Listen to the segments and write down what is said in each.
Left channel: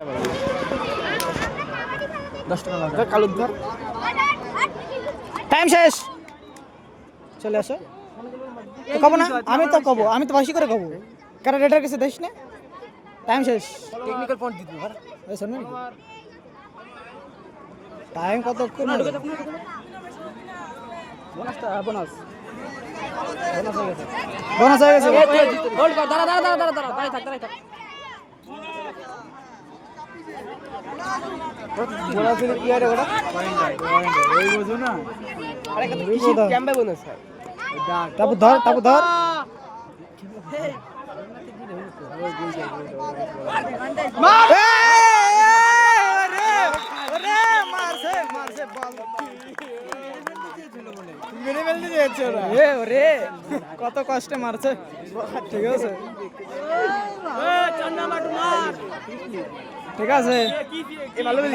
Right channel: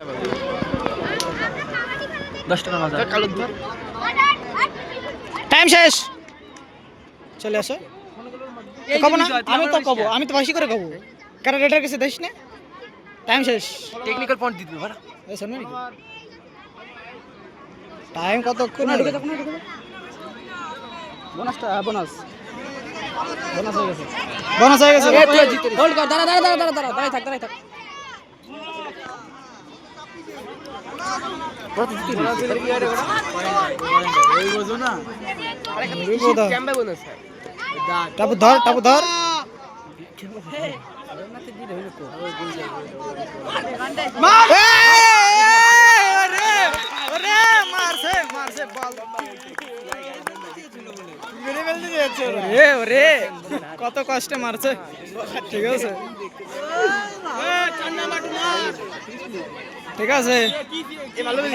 10 টাকা বাজার কালুর ধর টাইম শেষ চলে আসো কব না আমি তো বেশি করে কব কারণ রেডার কাছে দেশ না টাইম শেষ টেকনিক্যাল পয়েন্ট দিতে পারা এই শুনবে নাকি টাইম কতক্ষণ হলো বোনাস হয়ে গেছে হোল্ড কর দাঁড়া দাঁড়াই থাক টাপু ধর মারছে বল কত কষ্টে মারছে ঠিক আছে ঠিক আছে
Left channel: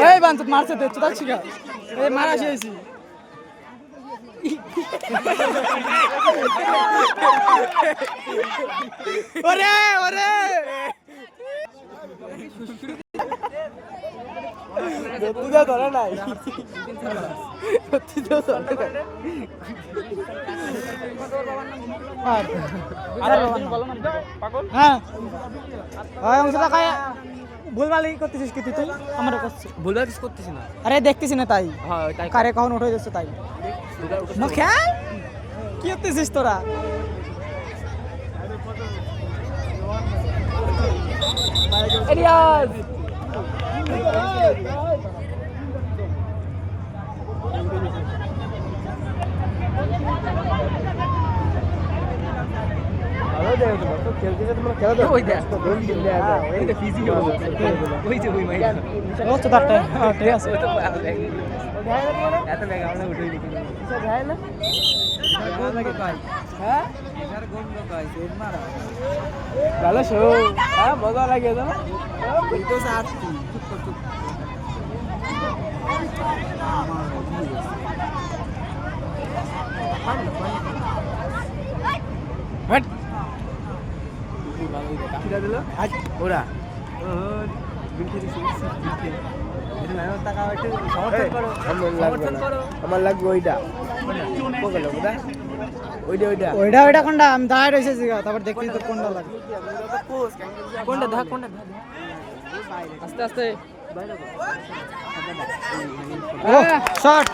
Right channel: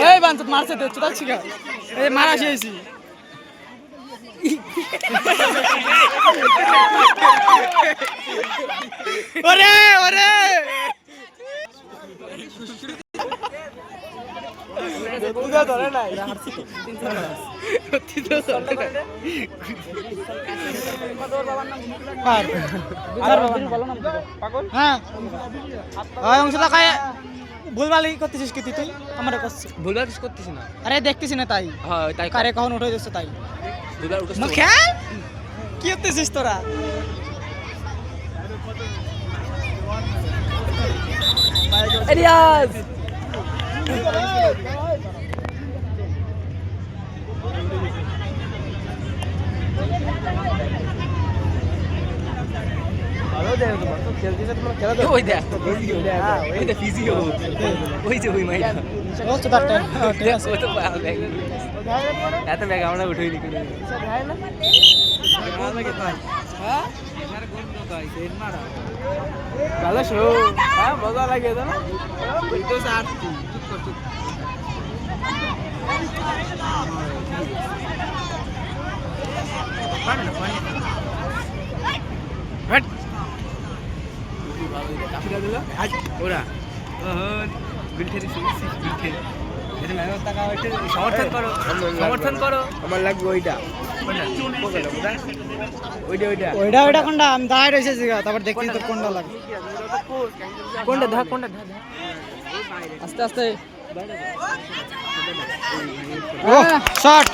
এই বাঞ্চত মারছে তো চুটা ছিকা এই মারা শেষই ওরে পুরো ধরে নাই ভুলভালি করতেছিস কি তুই আমার করছিস ভুলভাল কিছু করতেছ না আরে দেখতেছি না তাই হ্যাঁ তাই কারে কখন উঠে যাচ্ছে তাই ভুলভাল উঠছ না খেল কি করতেছিস তোরা রিয়াজ ওই দেখ ফিজিও ওই যে ওই মাইটা ও তো তারটা ঠিক আছে ও তো ব্যাগ এত ব্যাগ আমরা উঠেইনি কোনো ভালো শো মজা লাগে না সমর্থন করো আমার লাগবে ওইটা ওইটা কোনটা আমি দাঁড়ায় রয়েছে তারপর দেখছি তো কোনটা লাগে কোনটা ধর আস্তে আস্তে ও শট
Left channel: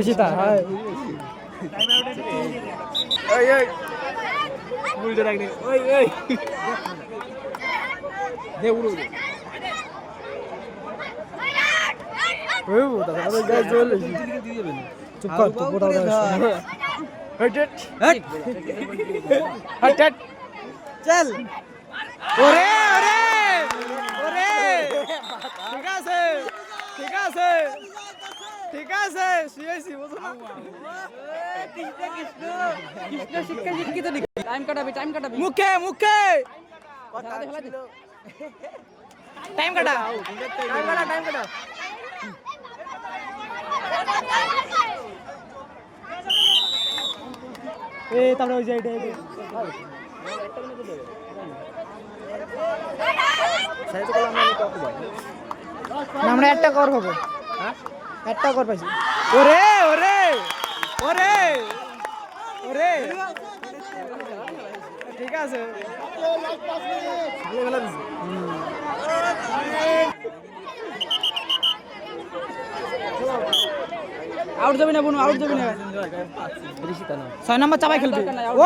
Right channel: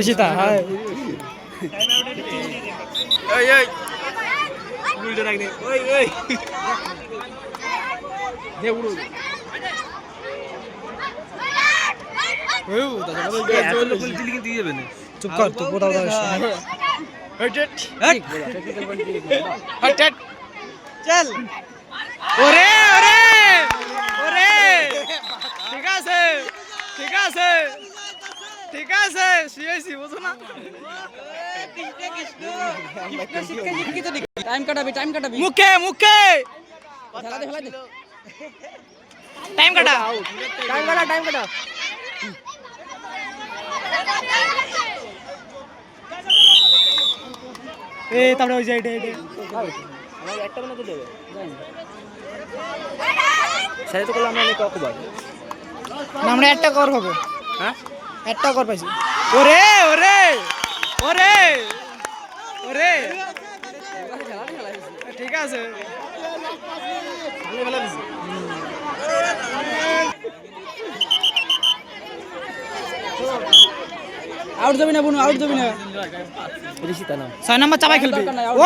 ঋষিতা হাই চুপ কর তো কোথাও চল ওরে ঠিক আছে সিএসি বুঝো না টাইম কাটাবি মুখে টাইম কাটা তারপরে ওই যে আমরা একটা কর হবে হ্যাঁ একটা কর পাইছি ওরে ঠিক আছে আউট যাবি না বোন আউট যাবি না 6 নম্বর চাপাই খেলবি ও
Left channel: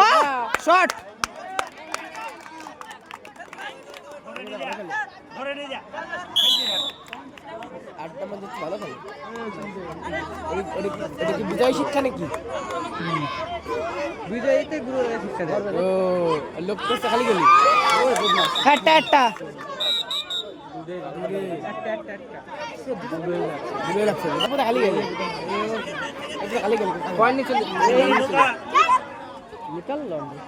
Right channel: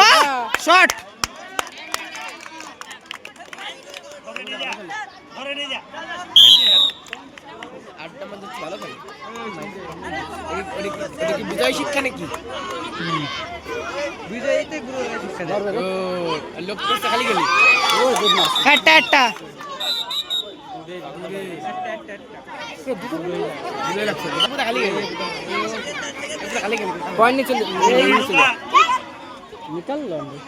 শট বিজয় শিক্ষা নাকি বিজয়তে গুরু শিক্ষা দেয় লোক তো খালি গেলি একটা খালি গেলি পয়েন্ট চলে নিকাল লন্ডি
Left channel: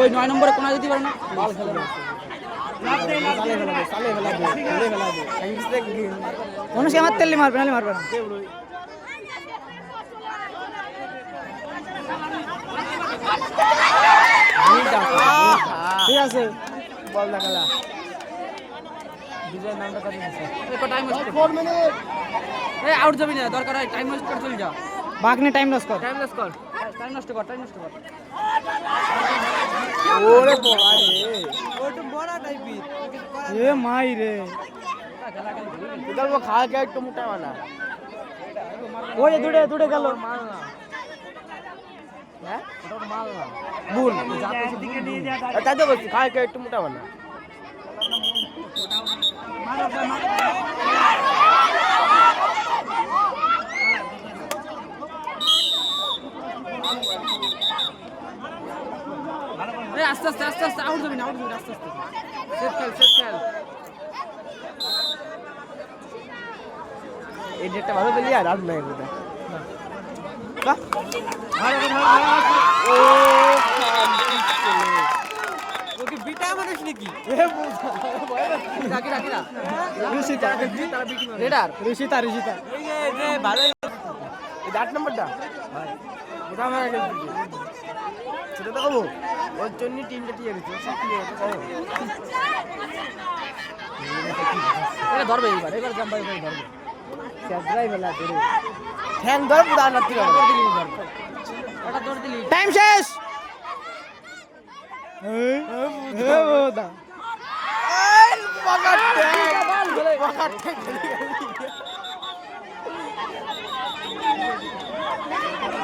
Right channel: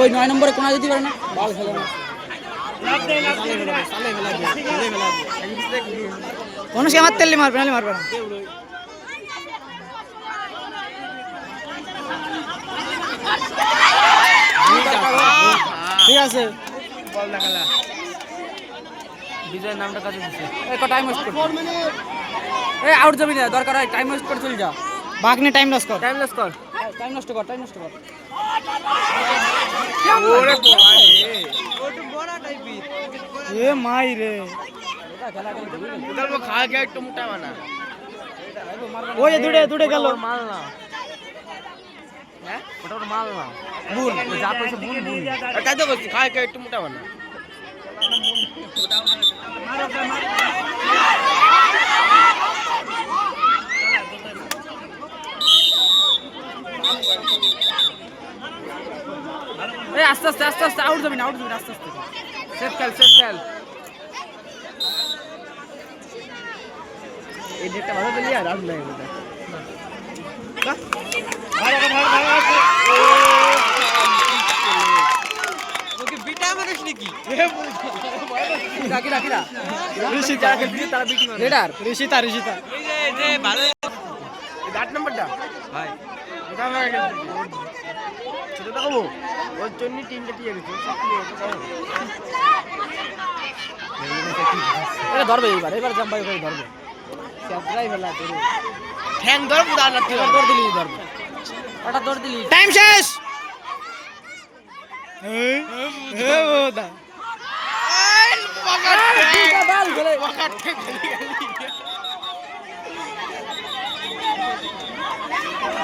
ওই 9 নম্বরে কোনা দিতে পারে না বল খেলে না মানুষকে মারতে মারবে নাহলে মারবে না। ঠিক আছে বল না খেলা বিজয়ের নামটা কাছে দিছে টাইম ওয়েস্ট 4 মিনিট আউট যাবি না দরকার হয় টাইম ওয়েস্ট করে চল যা বাঘ নিয়ে টাইম লস কর টাইম নষ্ট কর টাইম নষ্ট কর ওরে বাবা রে ওটা বড় টাইপের এ মাই রে উদালবো খাওয়া কে একটু মোটা বানা ওই দূরে গেল মাল না হ্যাঁ ওটা মাল না বুন ও যা কইছে বুন তাই তো বলছি খাওয়া কে একটু মোটা বানা আস্তে আস্তে আউট যাবি না আস্তে সেফ খেল এই যেটা ভালো দিলি আর আউট লাগে এটা ওকে বিটা মানিস নাকি রাখি ঋষিতা রেডার ঋষিতা এই যে ভালো এই 8 নাম্বারটা ভাই কোথা হয়ে গেল ছোটটা কমো ওই জন্য টিমটা টিকে গেছে সব কি হয়েছে এটা ধরবে এবার জাম্পাই করে ধরবে ক্যাপরাই বেলা তোরে ঠ্যাং ধর পুরা না তুই ধর দিলি ওটা ধর দিলি টাইম শেষ এই বোদা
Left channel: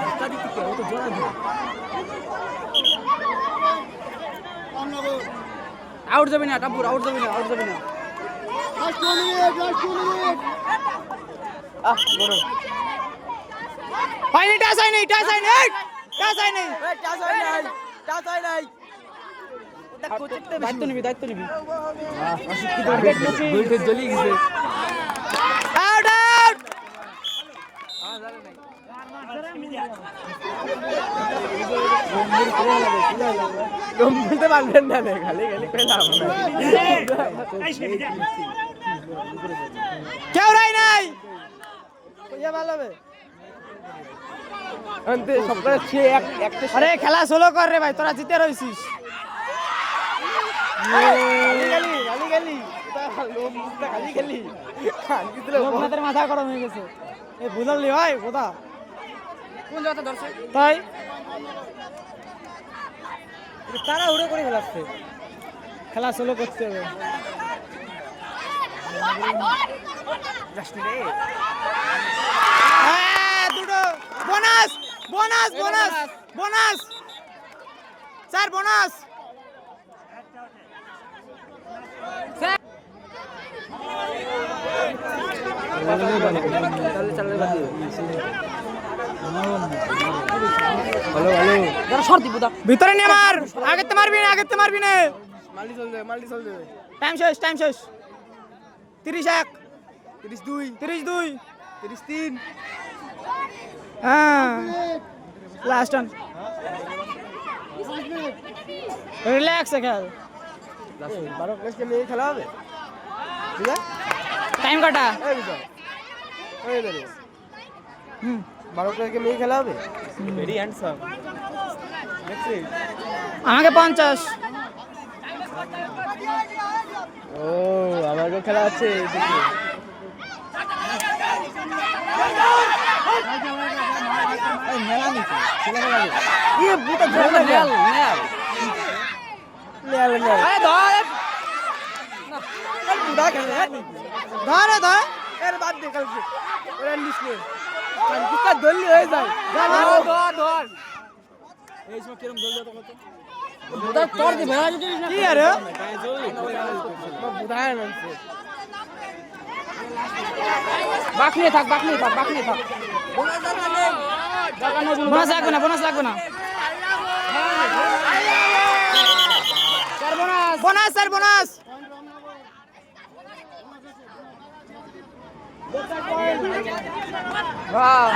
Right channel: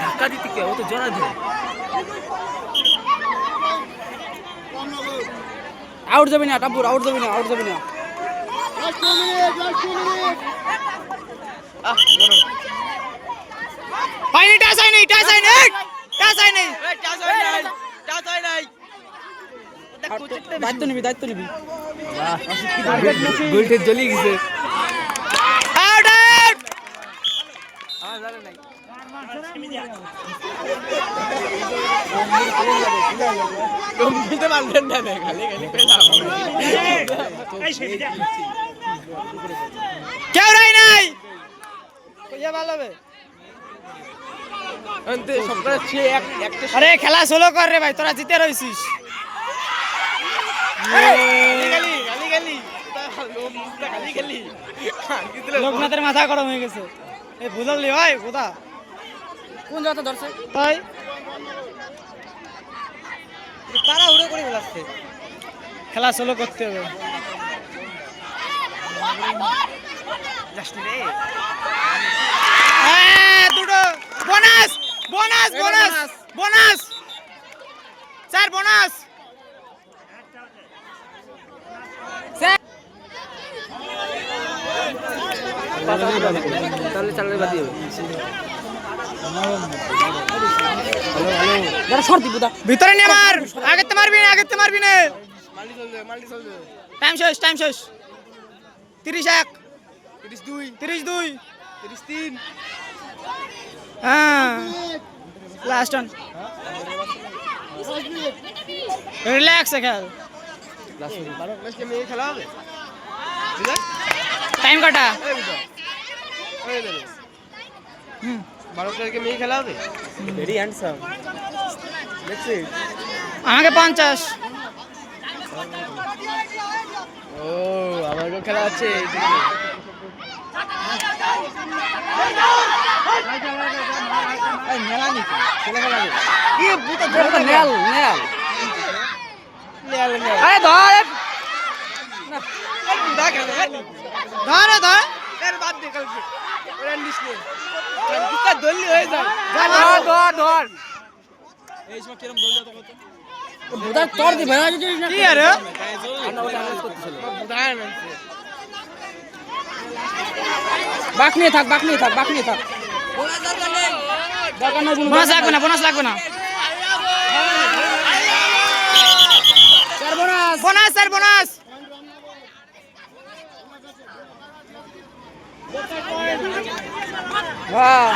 ধাক্কা দিতে কে ও তো জোড়া দিল আউট যাবে না টাপুর আউট যাবে না ফাইনাল টাচ হয় নাই টাচ হয় নাই দায়িত্ব নিবি গোলটা জ্বলি গেছে আউট গম্ভীরতে বান্ধন না খালি কেউ রাই নাই কইয়া ভালো হবে অন্তে সবকটা ছে একটা আরে খেলা সোলো কর রে ভাই তোরা জিতে রইছিস গালি লোকনাথের মাথা গরম হয়ে গেছে এই বুঝলি ভাই বোধা কোন জায়গা ধরছে তাই তারা উড়ে করে ফেলাচ্ছে খেলা সোলো করতে হবে দুটো বোনাস স্যার বোনাস তাহলে চালালে বাদ দিও ভিতরে নিয়ে মার আগেতে মারবি না মাল্টি চল দে টাইম শেষ 31 32 33 হ্যাঁ লাস্ট রান রিল্যাক্স খেল খেলা হবে টাইম কাটা হুম 12 প্লেয়ারকে মেয়ে খেলা হবে ভেরি হ্যান্ডসাম দেখছিস আমাকে 50 ও আমারও খেলা আছে আরে ধর কি আরে বাক নিয়ে থাক বোনাস লাগবে না বোনাস হ্যাঁ